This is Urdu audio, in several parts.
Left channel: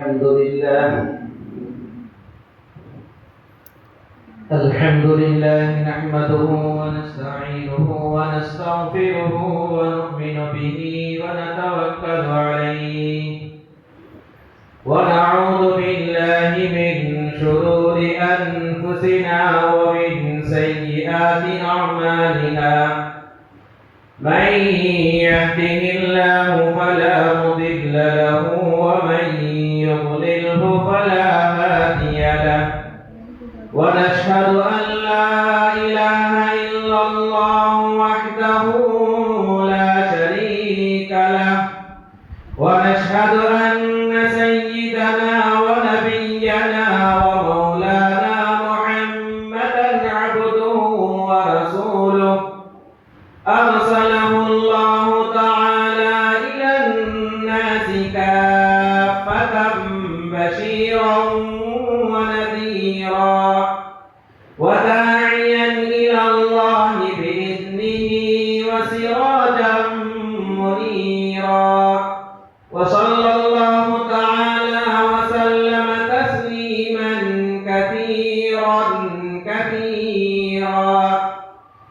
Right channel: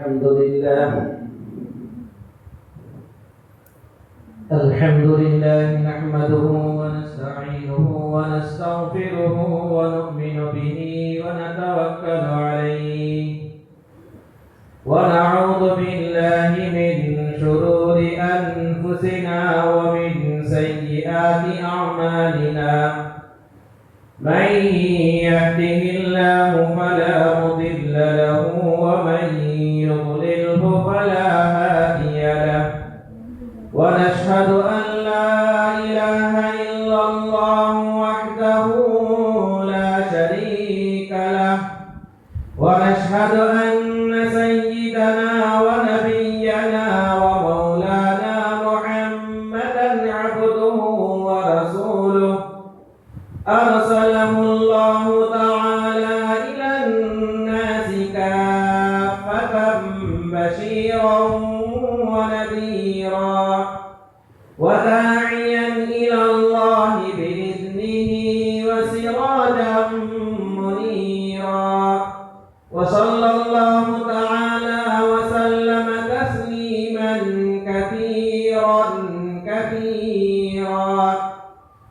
الحمد لله نحمده ونستعينه ونستغفره ونؤمن به ونتوكل عليه ونعوذ بالله من شرور أنفسنا ومن سيئات أعمالنا من يهده الله فلا مضل له ومن يضلله فلا هادي له ونشهد أن لا إله إلا الله وحده لا شريك له ونشهد أن سيدنا ونبينا ومولانا محمدا عبده ورسوله أرسله الله تعالى إلى الناس كافة بشيرا ونذيرا وداعيا إلى الله بإذنه وسراجا منيرا وصلى الله تعالى وسلم تسليما كثيرا كثيرا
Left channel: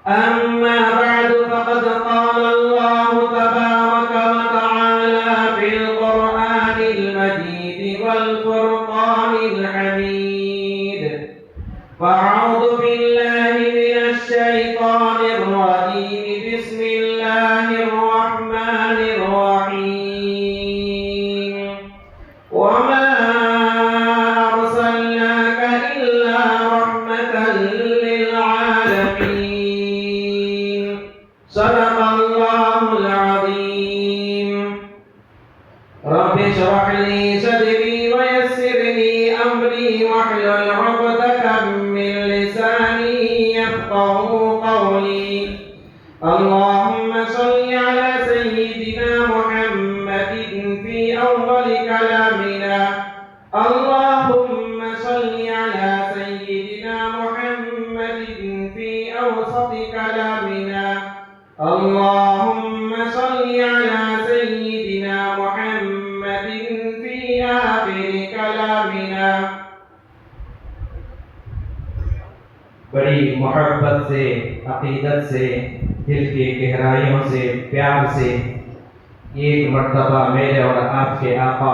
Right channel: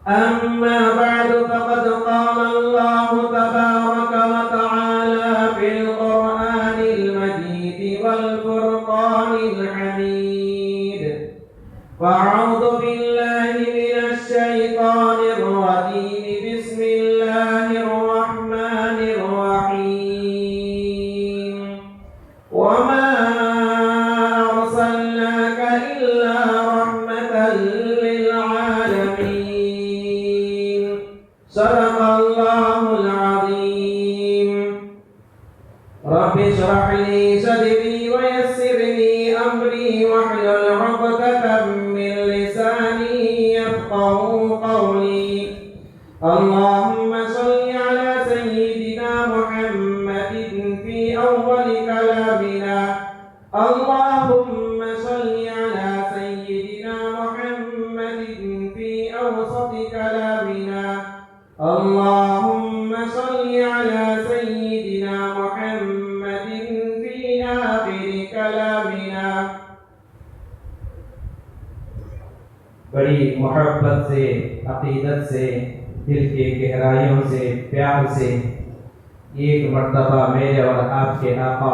أما بعد فقد قال الله تبارك وتعالى في القرآن المجيد والفرقان الحميد فأعوذ بالله من الشيطان الرجيم بسم الله الرحمن الرحيم وما أرسلناك إلا رحمة للعالمين صدق الله العظيم رب اشرح لي صدري ويسر لي أمري واحلل عقدة من لساني يفقهوا قولي اللهم صل على سيدنا محمد في أول كلامنا اللهم صل على سيدنا محمد في أوسط كلامنا اللهم صل على سيدنا محمد في آخر كلامنا بڑی محبت سے عقیدت سے دل کی گہرائیوں سے پیار سے ایک مرتبہ میرے اور آپ کے آقا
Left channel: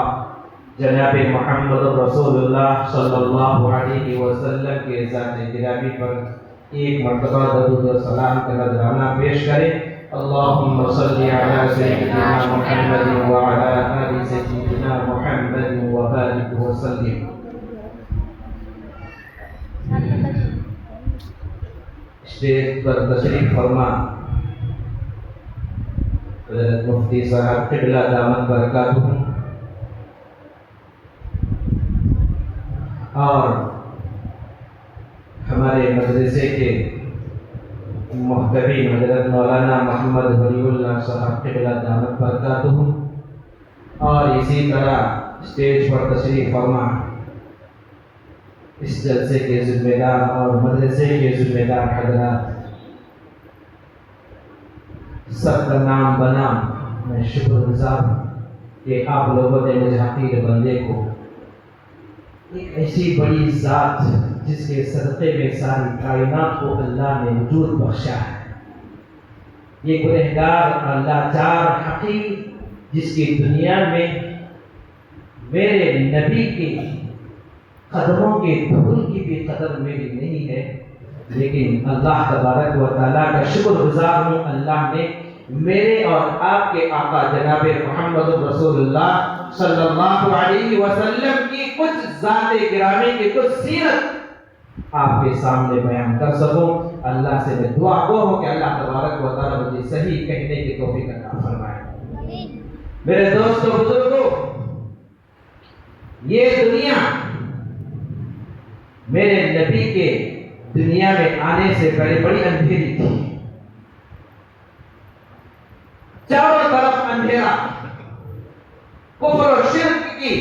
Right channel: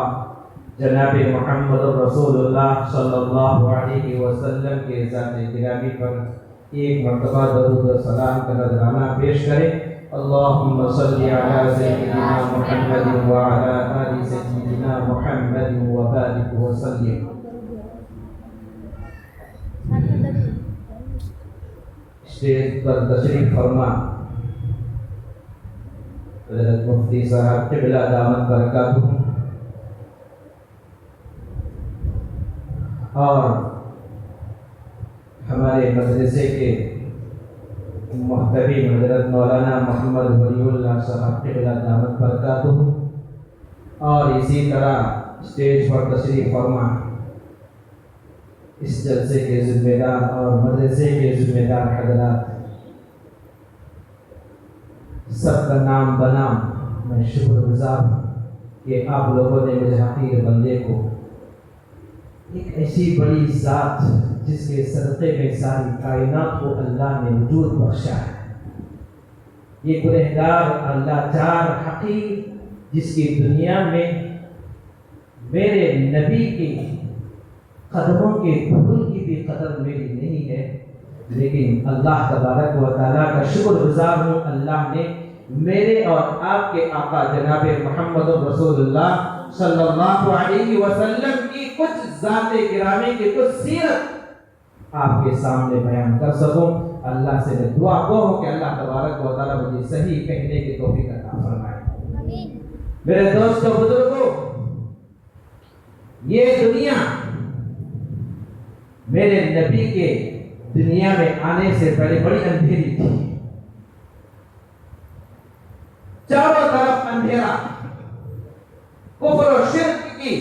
جناب محمد رسول اللہ صلی اللہ علیہ وسلم کے ذات گرامی پر ایک مرتبہ درود و سلام کا نذرانہ پیش کریں اللہم صلی علی سیدنا محمد وعلی آل سیدنا محمد وبارک وسلم اسٹیج پر تشریف فرما حضرت مفتی صاحب قبلہ دامت برکاتہ اور ہمارے مدرسے کے محترم حضرت مولانا محمد ولی اللہ صاحب قبلہ دامت برکاتہ اور اسی طرح اسٹیج پر تشریف فرما اس جلسے کے ذمہ دار اور مدرسے کے ذمہ دار حضرات سب کا نام بنام میں شکر گزار ہوں کہ آپ لوگوں نے مجھے حقیر بندے کو ایک ایسی بڑی ذات جس کے صدقے میں ساری کائنات کو اللہ نے وجود بخشا ہے یہ گنہگار اور لاچار حقیر جس کی دنیا میں میرے نبی کی قدموں کے دھول کی بھی قدر میری نہیں ہے لیکن اللہ تبارک و تعالیٰ کا شکر گزار ہوں اللہ نے میرے اور آپ کے آقا جناب محمد رسول اللہ صلی اللہ علیہ وسلم کی کچھ ذات گرامی کی کچھ سیرت آپ کے سامنے بیان کر سکوں اللہ سے میں دعا گو ہوں کہ اللہ تبارک و تعالیٰ مجھے صحیح کہنے کی توفیق عطا فرمائے میرے دوستو بزرگوں یہ دنیا میرے نبی کے دنیا میں آنے سے پہلے بڑی اندھیری تھی چاروں طرف اندھیرا کفر و شرک کی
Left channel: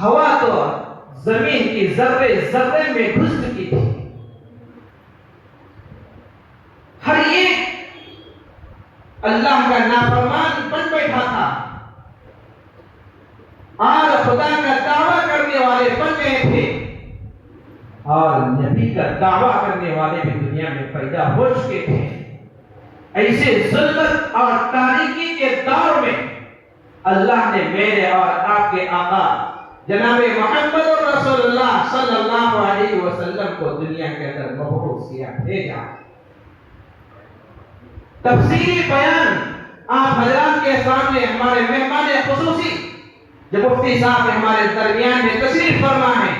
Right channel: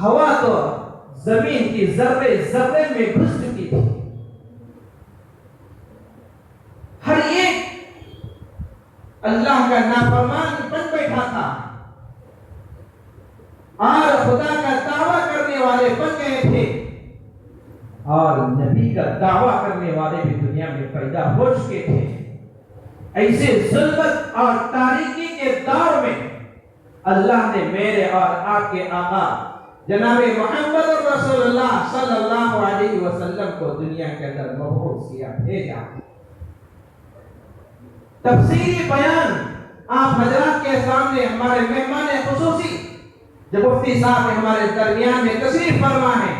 ہوا تو زمین کی ذرے ذرے میں گھس چکی تھی ہر ایک اللہ کا نافرمان بن بیٹھا تھا اور خدا کا دعویٰ کرنے والے بن گئے تھے، اور نبی کا دعویٰ کرنے والے بھی دنیا میں پیدا ہو چکے تھے۔ ایسے ظلمت اور تاریکی کے دور میں اللہ نے میرے اور آپ کے آقا جناب محمد رسول اللہ صلی اللہ علیہ وسلم کو دنیا کے اندر مبعوث کیا، بھیجا۔ تفصیلی بیان آپ حضرات کے سامنے ہمارے مہمان خصوصی جو مفتی صاحب ہمارے درمیان میں تشریف فرما ہیں،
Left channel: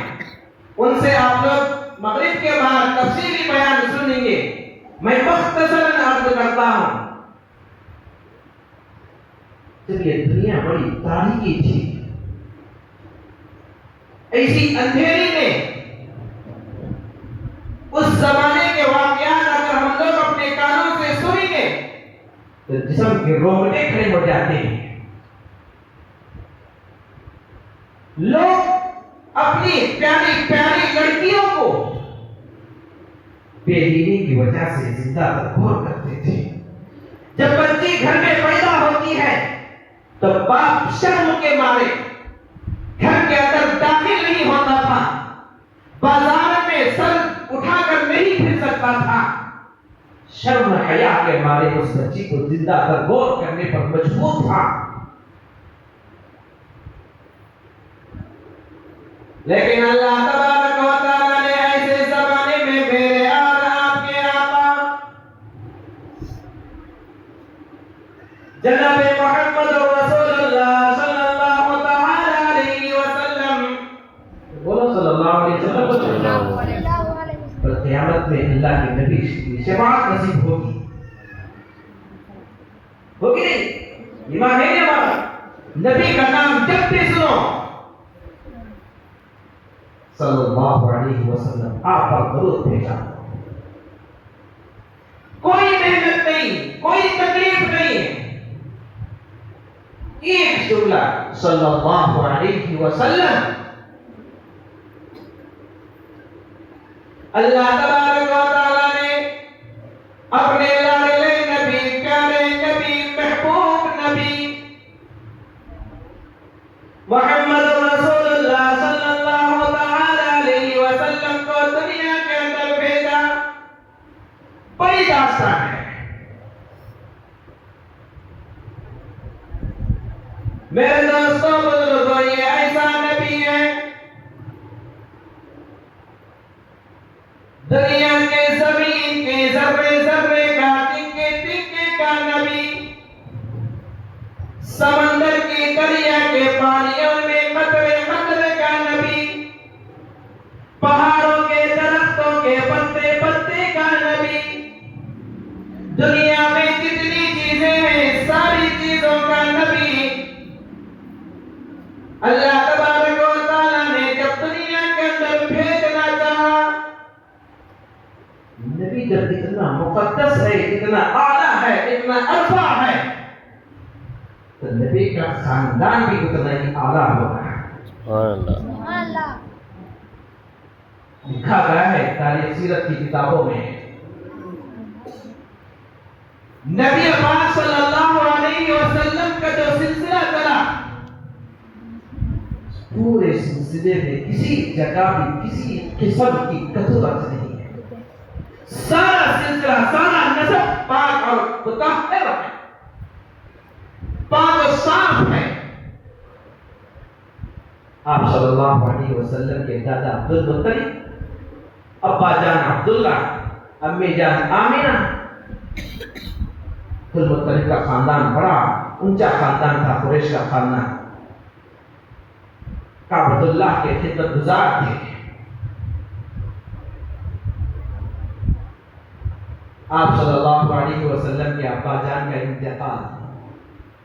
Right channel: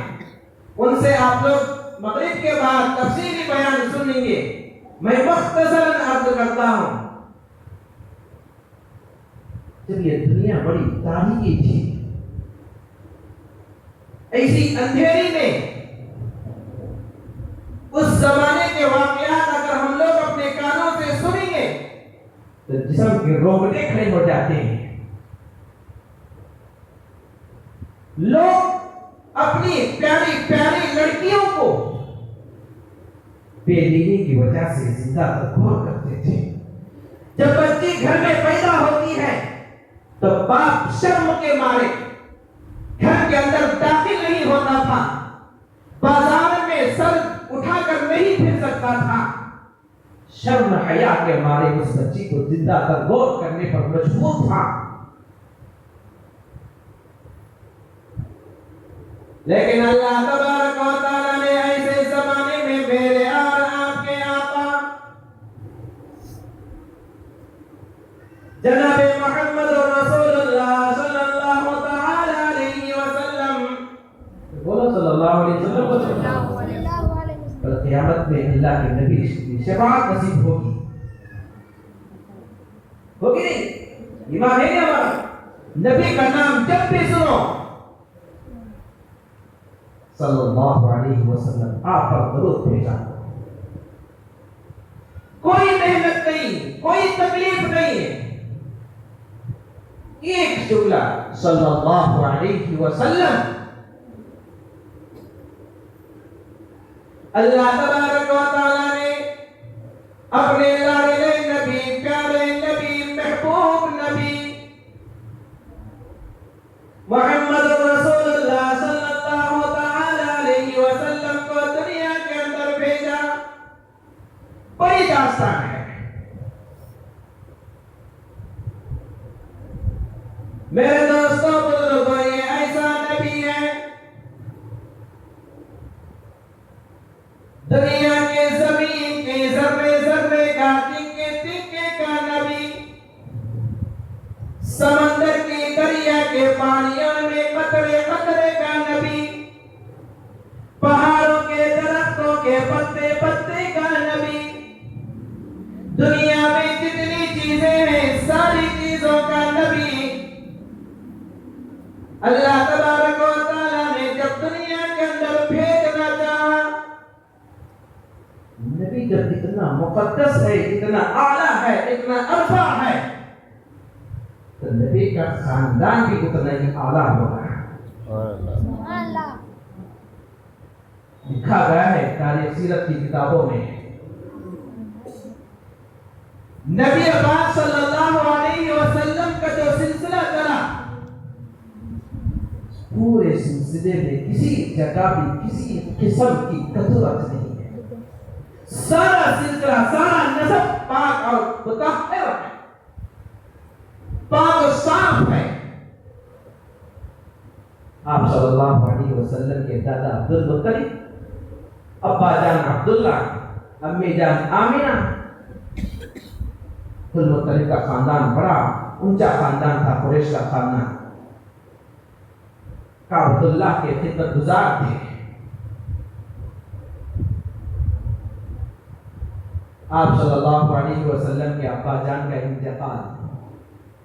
ان سے آپ لوگ مغرب کے بعد تفصیلی بیان سنیں گے۔ میں مختصراً عرض کرتا ہوں، جب یہ دنیا بڑی تاریکی تھی، ایسی اندھیری میں اس زمانے کے واقعات اگر ہم لوگ اپنے کانوں سے سنیں گے تو جسم کے روگٹے کھڑے ہو جاتے ہیں۔ لوگ اپنی پیاری پیاری لڑکیوں کو بے دینی کی وجہ سے زندہ تدبیر کرتے تھے۔ جب بچی گھر میں پیدا ہوتی ہے تو باپ شرم کے مارے گھر کے اندر داخل نہیں ہوتا تھا، بازار میں سر اٹھا کر نہیں پھر سکتا تھا، شرم حیا کے مارے اس بچی کو زندہ تدبیر کرنے پر مجبور تھا۔ لیکن اللہ تبارک و تعالیٰ نے ایسے زمانے میں میرے اور آپ کے آقا جناب محمد رسول اللہ صلی اللہ تعالی علیہ وسلم، بولو صلی اللہ علیہ وسلم، پر قیامت میں اللہ کے نبی کی شفاعت نصیب ہوگی نہیں؟ ایمان ہے نہیں ہمارا؟ نبی کا نام جب بھی سنو صلی اللہ علیہ وسلم، آپ پر درود بھیجا، کوئی محنت نہیں، کوئی تکلیف نہیں، ایک جملہ صلی اللہ علیہ وسلم۔ اللہ تبارک و تعالیٰ نے اپنے لاڈلے نبی، پیارے نبی، محبوب نبی محمد رسول اللہ صلی اللہ تعالی علیہ وسلم کو دنیا کے اندر بھیجا۔ بڑی داستان ہے میرے دوستوں بزرگوں، یہ ایسا نبی ہے دنیا کے زمین کے ذرے ذرے کا، تنکے تنکے کا نبی، سمندر کی دریا کے پانیوں میں قطرے قطرے کا نبی، پہاڑوں کے درختوں کے پتے پتے کا نبی، دنیا میں جتنی چیزیں ہیں ساری چیزوں کا نبی۔ اللہ تبارک و تعالیٰ نے جب دنیا کے اندر بھیجنا چاہا، نبی جب اتنا مقدس ہے، اتنا اعلیٰ ہے، اتنا عرفہ ہے، تو نبی کا خاندان بھی اتنا ہی اعلیٰ ہوگا۔ لکھا گیا ہے تاریخ سیرت کی کتابوں میں، نبی پاک صلی اللہ علیہ وسلم کا جو سلسلہ چلا، پورے سلسلے میں کسی جگہ بھی کسی قسم کی کثرت نہیں ہے، سارا سلسلہ، سارا نسب پاک اور مطہر ہے، پاک و صاف ہے۔ آپ صلی اللہ علیہ وسلم کے دادا عبدالمطلب، ابا جان عبداللہ، امی جان آمینہ، عبدالمطلب کا خاندان بڑا اونچا خاندان تھا، قریش کا خاندان، کعبۃ اللہ کے خدمت گزار تھے۔ آپ صلی اللہ علیہ وسلم کے ابا جان کا انتقال،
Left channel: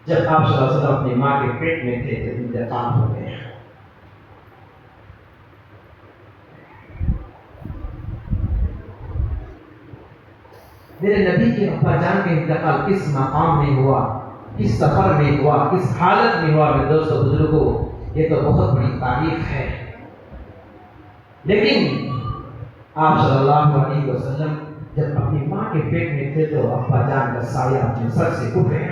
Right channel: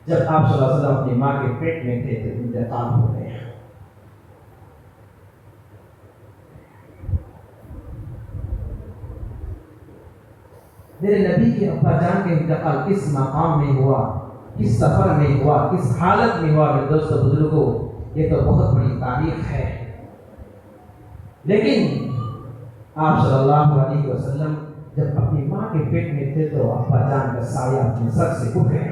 جب آپ صلی اللہ علیہ وسلم اپنی ماں کے پیٹ میں تھے تو انتقال ہو گیا۔ میرے نبی کے ابا جان کا انتقال کس مقام میں ہوا، کس سفر میں ہوا، کس حالت میں ہوا، میرے دوستو بزرگوں، یہ تو بہت بڑی تاریخ ہے۔ لیکن آپ صلی اللہ علیہ وسلم جب اپنی ماں کے پیٹ میں تھے تو ابا جان کا سایہ اپنے سر سے اٹھ گیا۔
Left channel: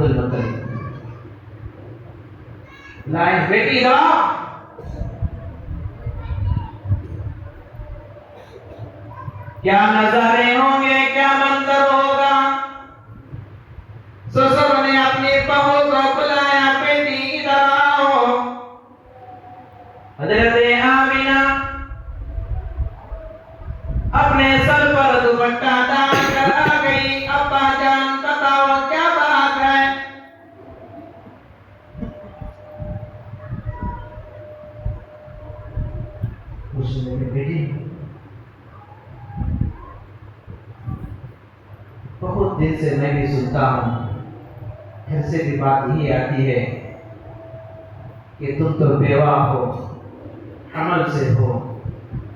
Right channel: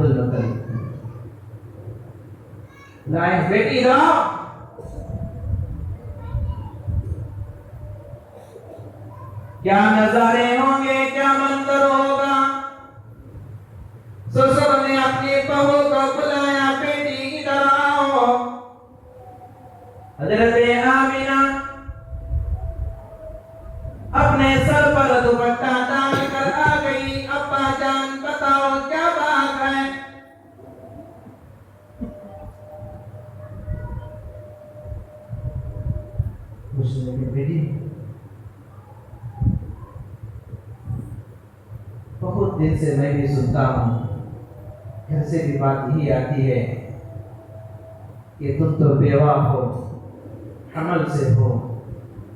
عبد المطلب. لائن بیٹی رہا کیا نظارے ہوں گے، کیا منظر ہوگا. سسر نے اپنی بہو کو بلایا، بیٹی ادھر آؤ. حضرت آمینہ اپنے سر پر دوپٹہ ڈال کر آ گئی. ابا جان بتاؤ کیا بات ہے. اس نے بیٹی بہت دن سے میں بھی سنتا ہوں، گھر سے بھی بات یہی آتی ہے کہ تم تو بیوہ ہو، عمل سے ہو،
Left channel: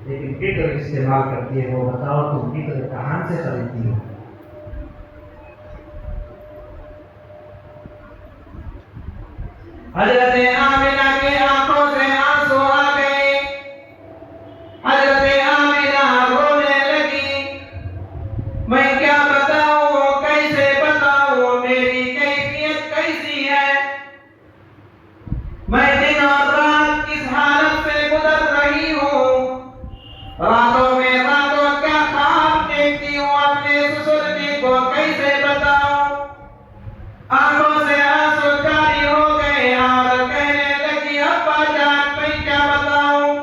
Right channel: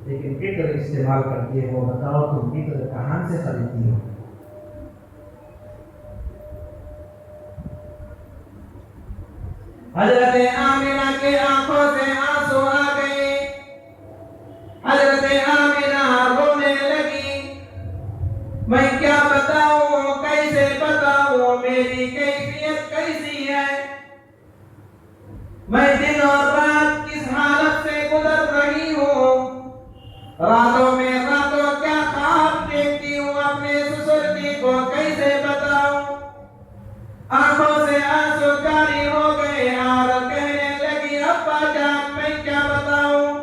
لیکن پیٹر استعمال کرتی ہو. بتاؤ تم پیٹر کہاں سے خریدتی ہو. حضرت آمینہ کی آنکھوں سے آنسو آ گئے. حضرت آمینہ رونے لگی. میں کیا بتاؤں، کیسے بتاؤں، میری کیفیت کیسی ہے. میں دن اور رات کس حالت سے گزر رہی ہوں. راتوں میں راتوں کیا خواب دیکھتی ہوں، اپنے سسر جی کو کیسے بتاؤں. آنکھوں سے آنسو جاری ہو گئے اور کہنے لگی ابا جان میں کیا بتاؤں.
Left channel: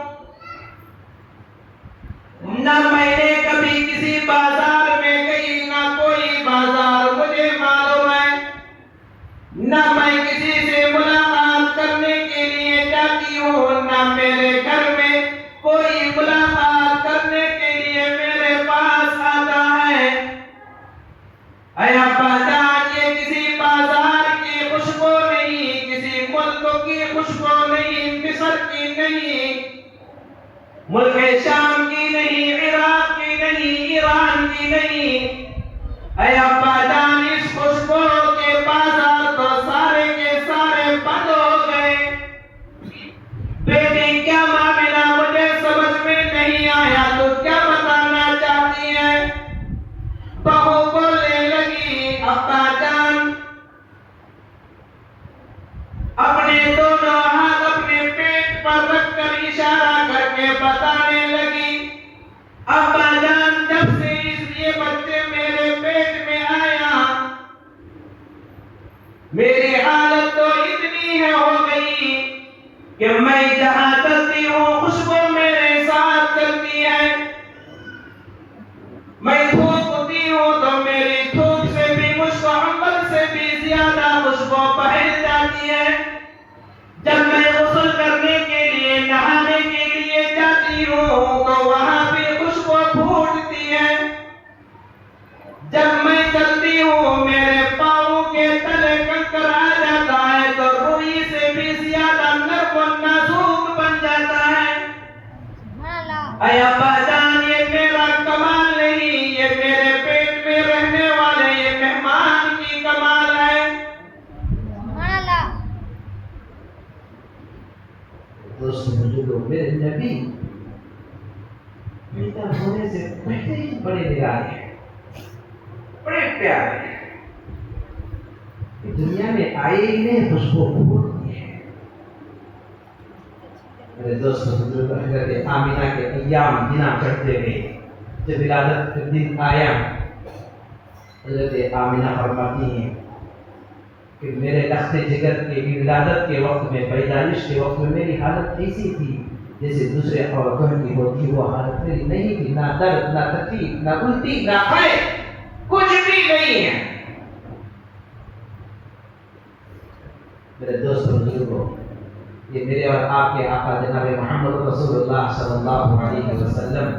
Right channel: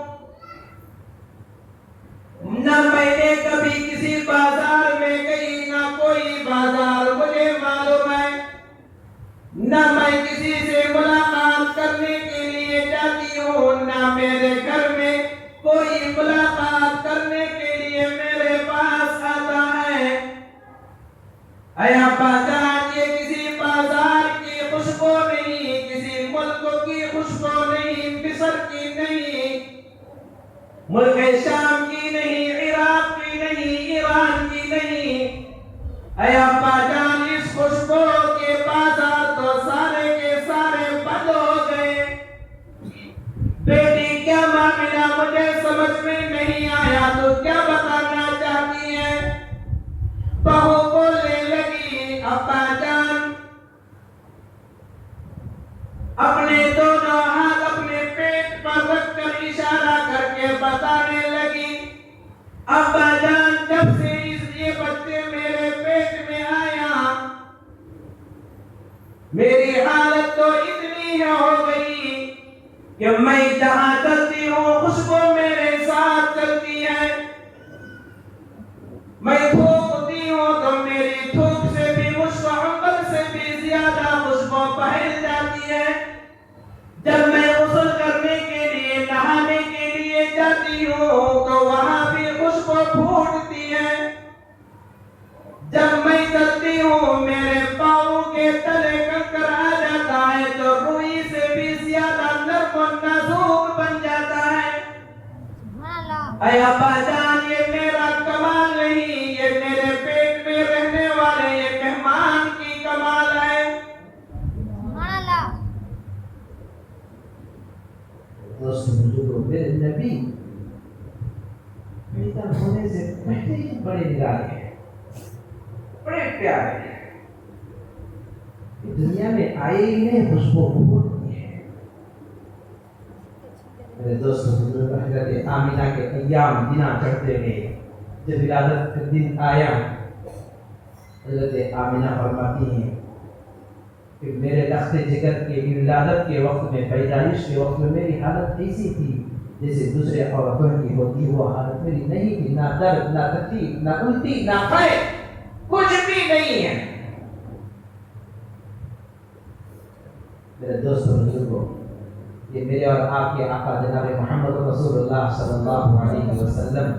نہ میں نے کبھی کسی بازار میں گئی، نہ کوئی بازار مجھے معلوم ہے. نہ میں کسی سے ملاقات کرنے کے لیے جاتی ہوں، نہ میرے گھر میں کوئی ملاقات کرنے کے لیے میرے پاس آتا ہے. اے ابا جان یہ کسی بازار کی خوشبو نہیں، کسی ملک کی خوشبو نہیں، مصر کی نہیں، ملک شام کی نہیں، عراق کی نہیں، ایران کی نہیں. اے ابا جان اس خوشبو کے بازار تو سارے کے سارے بند ہو گئے. بیٹی کیا معاملہ مجھے سمجھ میں نہیں آیا، تو کیا بتانا چاہتی ہے. بہو بولنے لگی ابا جان اپنے دونوں ہاتھ اپنے پیٹ پر رکھ کر اشارہ کر کے بتانے لگی ابا جان جب سے یہ بچے میرے پیٹ میں آیا میری حالت تو اتنی ہے ہو گئی کہ میں جہاں چلتی ہوں خوشبو میرے ساتھ چلتی ہے. میں تھوکتی ہوں تو میری تھوک سے بھی خوشبو عنبر سے بھی زیادہ خوشبو پھیل جاتی ہے. جب میں غسل کرنے کے لیے نہانے کے لیے جاتی ہوں تو وہاں بھی خوشبو پھوٹتی ہے. جب میں چلتی ہوں میرے پاؤں کے تلے کنکر آ جاتا ہے تو روئی سے بھی زیادہ نرم و نازک بن جاتا ہے. اے ابا جان یہ میرا کمال نہیں، یہ میرے پیٹ میں رہنے والے یہ مہمان کی کمال ہے. دوست بزرگوں میرے نبی پیدا ہونے سے پہلے ہی بڑے نرانے ہیں، بڑے پیارے ہیں. دنیا میں آئے ہی نہیں خوشبو بہت دی ہے. میرے دوست بزرگ حضرت آمینہ کے ایام دن چڑھتے گئے. جب ولادت کا دن آیا حضرت آمینہ فرماتی ہیں کہ میرے لخت جگر کے ولادت کے وقت میں پیدائش کے وقت میں میری حالت ایسی تھی جیسے دوسرے عورتوں کی ہوتی. وہ حالت میری نہیں تھی، نہ درد نہ تکلیف نہ الٹی نہ قے کچھ بھی نہیں ہے. میرے دوست بزرگوں یہ میرے اور آپ کے آقا جناب محمد رسول اللہ صلی اللہ علیہ وسلم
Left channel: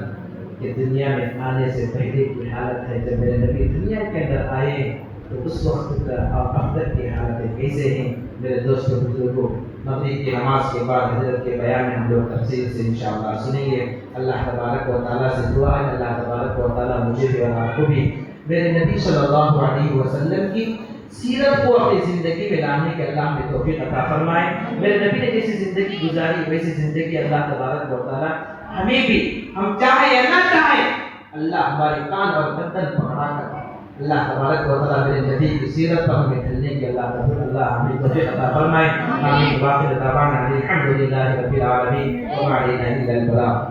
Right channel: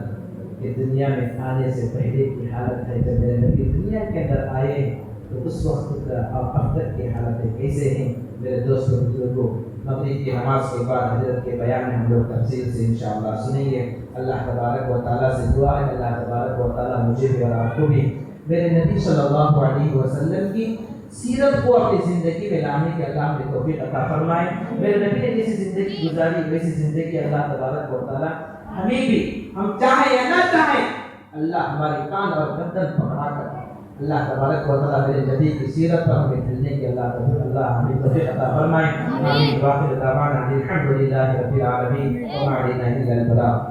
کے دنیا میں آنے سے پہلے کی حالت ہے. جب میرے نبی دنیا کے اندر آئے تو اس وقت کا اور اب تک کی حالتیں کیسے ہیں. میرے دوست بزرگوں مغرب کی نماز کے بعد حضرت کے بیان میں ہم لوگ تفصیل سے انشاءاللہ سنیں گے. اللہ تبارک و تعالیٰ سے دعا ہے اللہ تبارک و تعالیٰ مجھے بھی اور آپ کو بھی میرے نبی صلی اللہ علیہ وسلم کی سیرت کو اپنی زندگی میں لانے کے اللہ نے توفیق عطا فرمائے. میرے نبی نے جیسی زندگی گزاری ویسی زندگی اللہ تبارک و تعالیٰ ہمیں بھی، ہم چاہیں یا نہ چاہیں، اللہ ہمارے کان اور گردن پکڑا کر اللہ تبارک و تعالیٰ میرے نبی کی سیرت پر ہمیں چلنے کی اللہ ہمیں توفیق عطا فرمائے. آمین. واخر دعوانا الحمد للہ رب العالمین وما علینا الا البلاغ.